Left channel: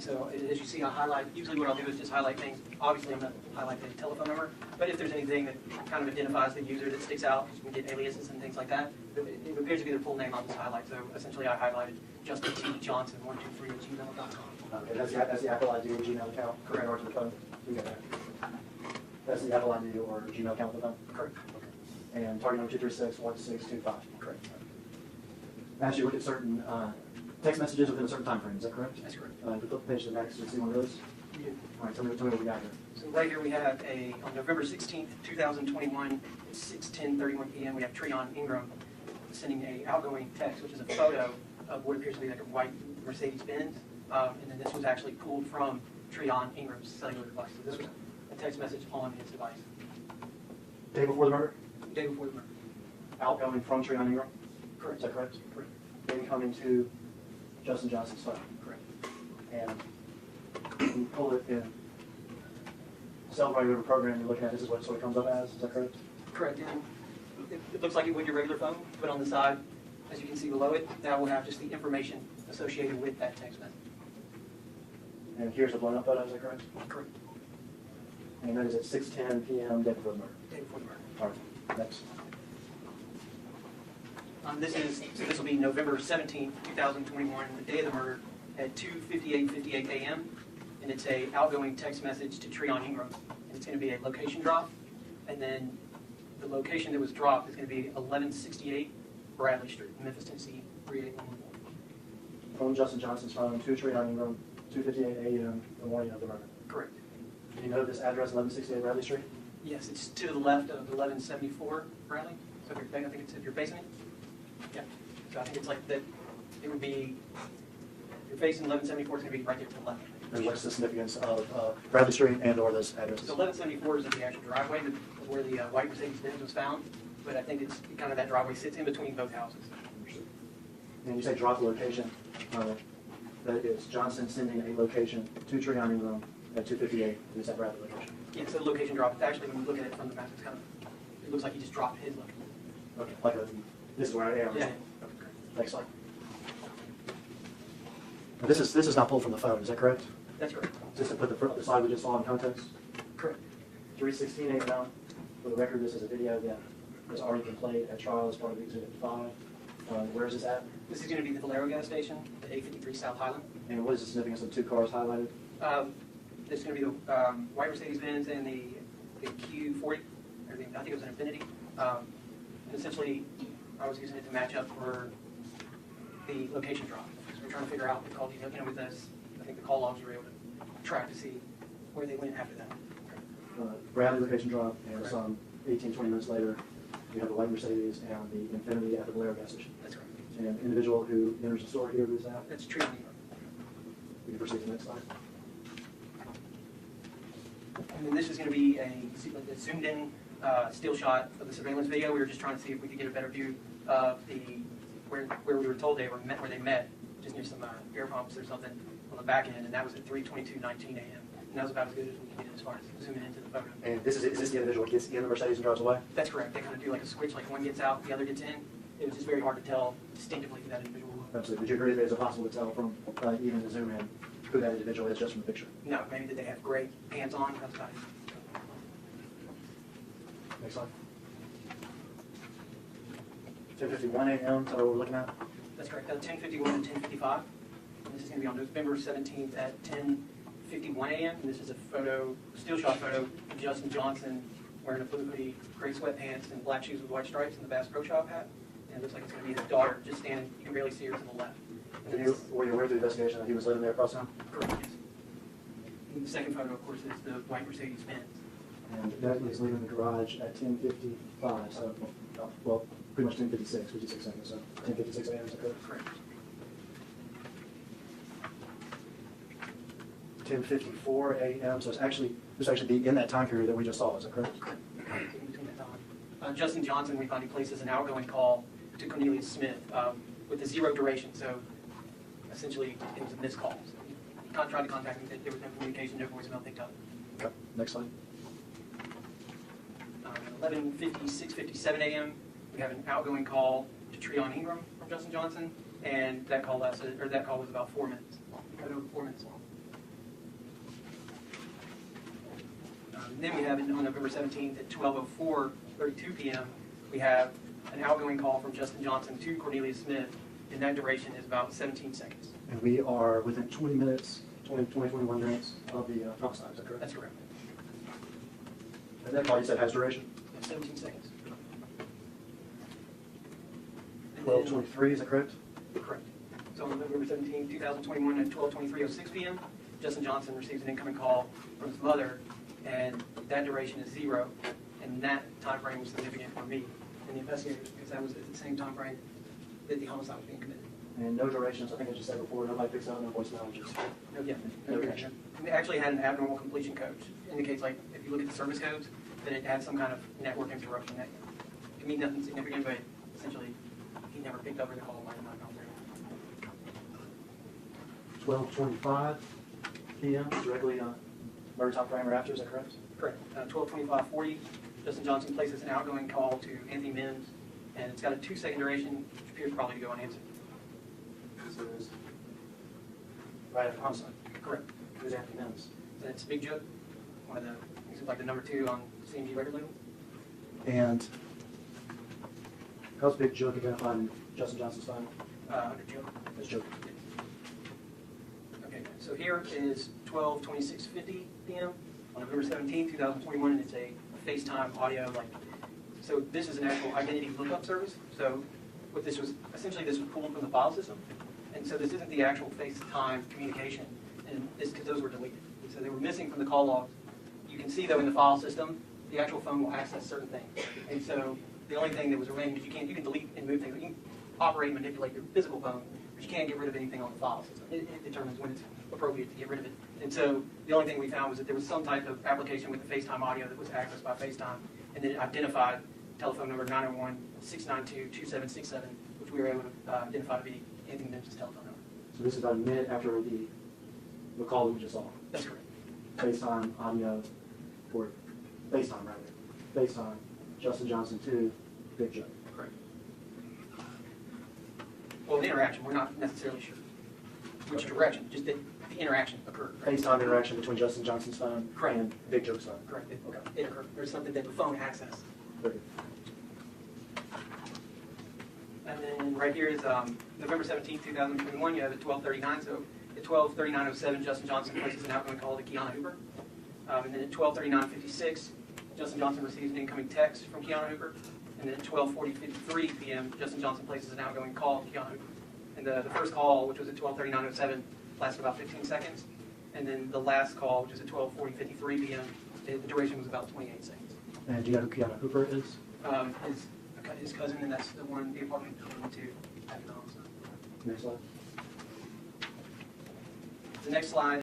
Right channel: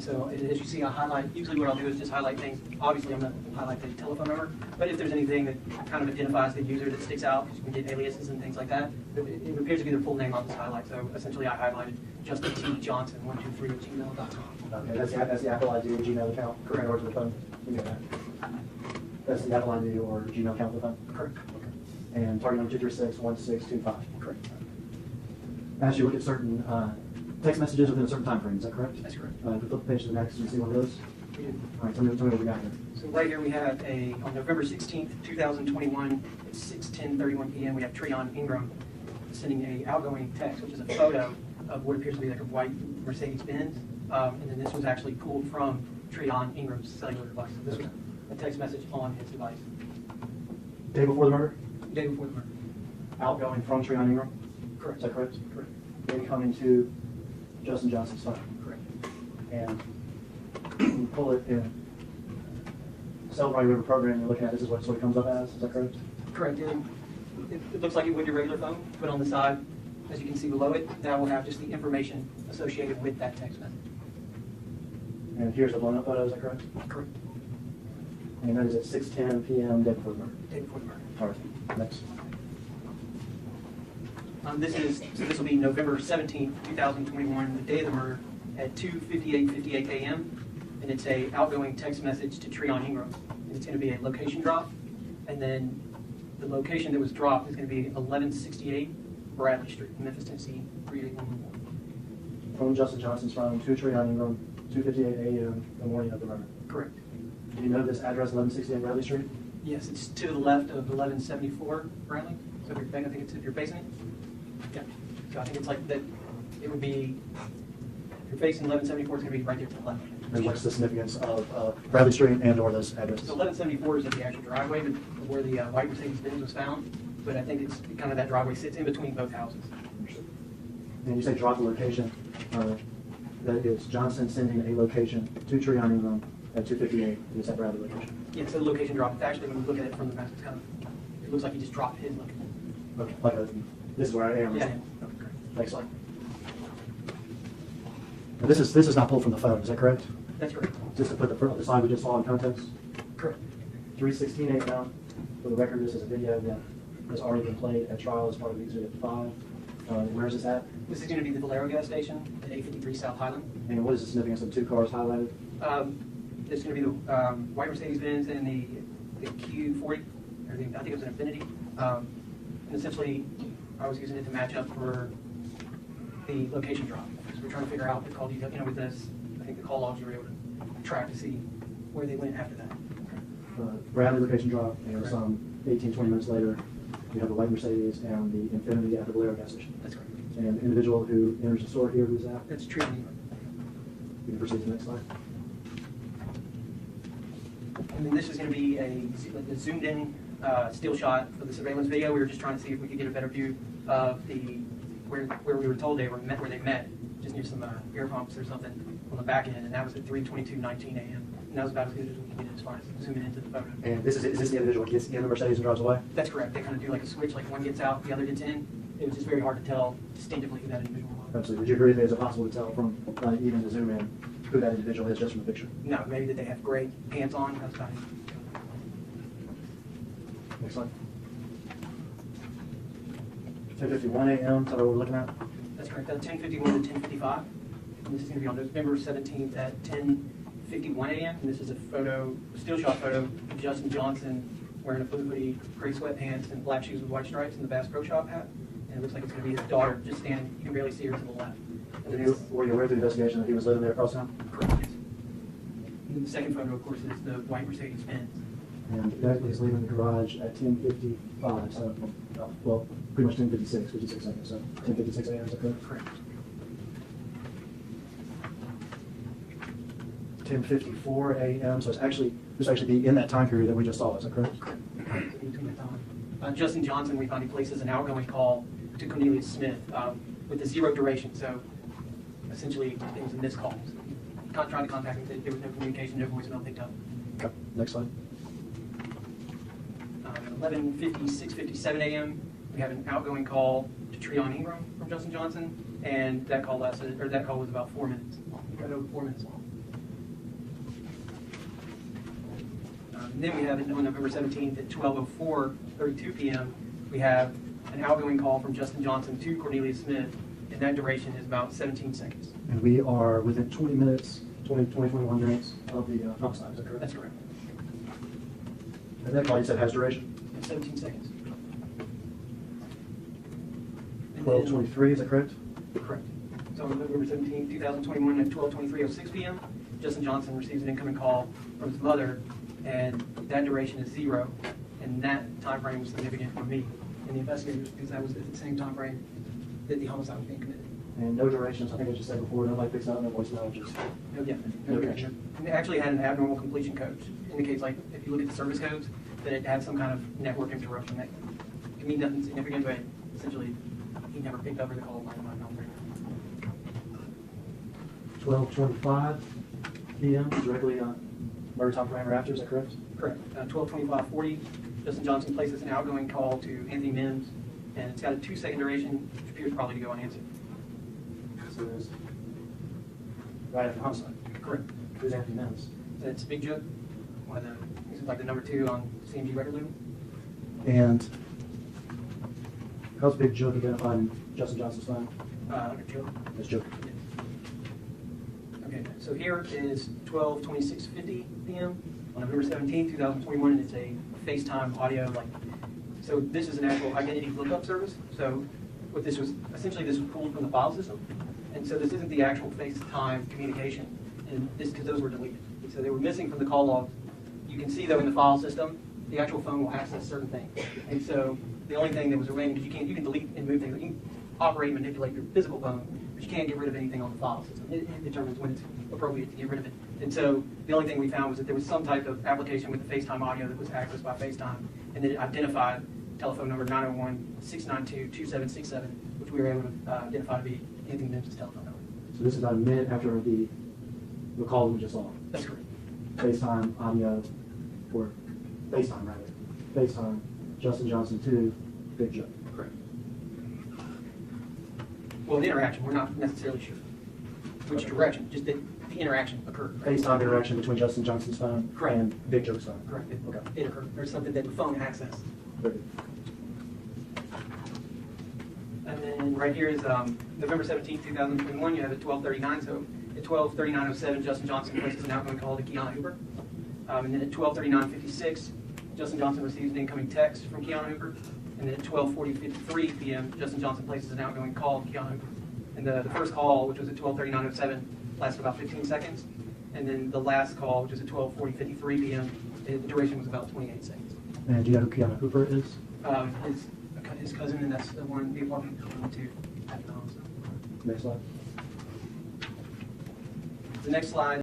So as you see, I highlight, usually what I'll do is just highlight things. Obviously, I'm going to highlight the telephone number, but if there's anything that kind of identifies the user that sticks out, you can get aliases and things like that. It appears to be their full name on this highlight. So essentially, I highlighted Justin T. Johnson 123@gmail.com. Okay, that's the Apple ID or Gmail account. Correct. Or to the phone. You got that. That's the Apple ID or Gmail account with the phone. Correct. Okay. And target number 236-1625. Correct. As you look at certain text messages within a certain time frame, is that correct? That's correct. If we flip the page to the next, you see one of those. We do. All right, tell me what we got here. So right here we have on November 16th, 2021, at 6:10:31 p.m. we have Treon Ingram sending a outgoing text, which is a photo of what appears to be like a white Mercedes-Benz. And then this was actually pulled from Treon Ingram's cellular device. So this was a text message on his device. Day before the murder? Day before the murder. Outgoing from Treon Ingram? Correct. Is that correct? Correct. Day coming to Justin Johnson's phone. Correct. And you pull it in cell while you're in a program and looking at this is what it comes up as, is that correct? Correct. It looks like it would your regular phone, but on the side, as you can see below it, that will have just the information associated with that text message. And here's the blown up photo, is that correct? Correct. And that is at 6:10 p.m. day before the murder. Day before the murder. All right, next. This will be November 17th, 2021, the day of the murder, at 2:58 a.m. And it's a outgoing text message to Treon Ingram. And it's going to be a location drop. And then the location that was dropped is going to be 1168 Bradley Street, Memphis, Tennessee, 38111. From Justin Johnson's phone to Treon Ingram, 2:58 a.m. the morning of the murder. Correct. Do you know this address, 1168 Bradley Street? Yes, it's to the left of 1174 Bradley. So if you're, I think it's if you're facing it. Yeah. So I think it's like that. It would be. If you're facing 1174, it's going to be right there to the left. And what's the significance of Bradley Street and or those addresses? So 1174 is the actual driveway where the white Mercedes-Benz was found, but I think it's kind of that driveway sits in between both houses. And you say drop the location. That is Johnson sending a location to Treon Ingram at 2:58. Is that Bradley location? Yeah, it's a location drop. Actually, when you look at it from the map, it's kind of, it looks like you just dropped his location. Okay. Like this is where I am. Yeah. Okay. Next slide. Now this is not pulled from the phone. Is that correct? That's correct. Just to put the slide we just saw in context. Correct. 3:16 a.m. For the record, this is a video that has already been played at trial as part of Exhibit 5. Where is this at? This is going to be the Valero gas station at 853 South Highland. And what is the significance of the two cars highlighted? This is going to be the white Mercedes-Benz and the Q40, or I think it was an Infiniti. And essentially, I was using it to match up for the location drop. So we're trying to figure out the call detail. With this, I think the call logs were able to track to see where they went after that. Bradley location drop, and Correct. some 18, 20 minutes later, you have a white Mercedes and the Infiniti at the Valero gas station. That's correct. And the individual who enters the store here, who's that? That's true. You can proceed to the next slide. And then this is going to be a zoomed in still shot for the surveillance video. We were just trying to see if we could get a better view of where we were told they met, just near some air pumps or something on the back end, and that was at 3:22:19 a.m. And that was about as good as we could get as far as zooming into the photo. And is this the individual who gets in the Mercedes and drives away? That's correct. They kind of do like a switch, like one gets out, the other gets in. It was just very hard to tell distinctively who that individual was. Absolutely. Would you agree that it's impossible to tell from even the zoom in who that individual is just from the picture? No, maybe that they have great hands on. But it's kind of, Next slide. 10:51 a.m. So what we're looking at? that's correct. 10:51 to 10:55. And this is going to be on November 17th at 10:51 a.m. And this is a photo, still shot photo of Justin Johnson wearing a blue hoodie, gray sweatpants, and black shoes with white stripes in the Bass Pro Shop hat. And it looks like it's going to be his daughter just standing. You can barely see her to the left. Were you aware through the investigation that he was living there across town? Correct. Yes. And then the second photo, of course, is the white Mercedes-Benz. And that is leaving the garage at 10:55. So, well, pretty much 10:56, 56 seconds. So 10:56 a.m. Is that correct? Correct. 10:54 a.m. So it's actually be in that time period that we just saw. Is that correct? Correct. Justin Johnson, we found he places an outgoing call to Cornelius Smith with a 0 duration. So essentially, it was a missed call. So trying to contact him, there was no communication, no voicemail picked up. Okay. Next slide. 11:56, 57 a.m. We have an outgoing call to Treon Ingram from Justin Johnson, and that call was about 4 minutes. Right over 4 minutes long. And then we have on November 17th at 12:04:32 p.m. we have an outgoing call from Justin Johnson to Cornelius Smith, and that duration is about 17 seconds. And we are within 20 minutes, 21 minutes of the homicide, is that correct? That's correct. And that call you said has duration? It's 17 seconds. And 12:23, is that correct? then- Correct. So on November 17th, 2021 at 12:23:06 p.m., Justin Johnson receives an incoming call from his mother, and that duration is 0, and that time frame was significant for me and the investigators because that was at the same time frame that the homicide was being committed. And no durations, I think I just said before, nobody picks out on their voice messages. Yeah, no duration. And they actually had an abnormal completion code, which indicates, like, if you look at the service codes, that it had some kind of network interruption that can mean nothing significant, but essentially he never picked up the call by not knowing. 12:25 p.m. directly murder time frame or after, is that correct? Correct. 12:25:40, Justin Johnson places an outgoing call to Anthony Mims, and it's got a 2-second duration, which appears probably to go unanswered. So it is right after homicide. Correct. Who's Anthony Mims? That's Big Joe, one of the, he's like the number 2 on CMG record label. And how's Big Joe identified in Justin Johnson's phone? Joe. That's Joe. Okay, so here is 12:26:50 p.m. on November 17th, 2021, and it's a FaceTime audio. So this is an actual identity lookup service. So what this was, essentially this was pulled from the file system. And so this isn't the actual FaceTime communication, and this because those were deleted. So they were missing from the call log. You can see though in the file system, the actual phone will access certain things. And so the only thing that was remaining, because you can delete and move things. You can operate and manipulate your physical phone, but you can't get rid of anything on the file system. It determines when it's appropriate to get rid of it. And so the only thing we found was that there was some type of application with the FaceTime audio that was accessed by FaceTime, and then it identified telephone number 901-692-2767, which we were able to identify to be Anthony Mims' telephone number. So this is about a minute after the call we just saw. That's correct. FaceTime audio, or FaceTime rather. FaceTime Justin Johnson to Big Joe. Correct. Well, the interaction, we're not necessarily sure which direction, just that the interaction occurred. FaceTime interaction between Justin Johnson's phone Correct. and Big Joe's phone. Correct. Okay. It occurred. There's something that the phone accessed. Great. And then right here is November 17th, 2021. You have at 12:39. So at 12:39:07, Justin Johnson places an outgoing call to Keanu Hooper. And then at 12:39:56, Justin Johnson receives an incoming text from Keanu Hooper. And then at 12:53 p.m., Justin Johnson places an outgoing call to Keanu Hooper. And the first call, which was at 12:39:07, lasted about 15 seconds. And then the last call, which was at 12:53 p.m., the duration was about 28 seconds. And do you know who Keanu Hooper is? His cousin, and that's the one, the apartment that we went to at the house. Next slide. The next slide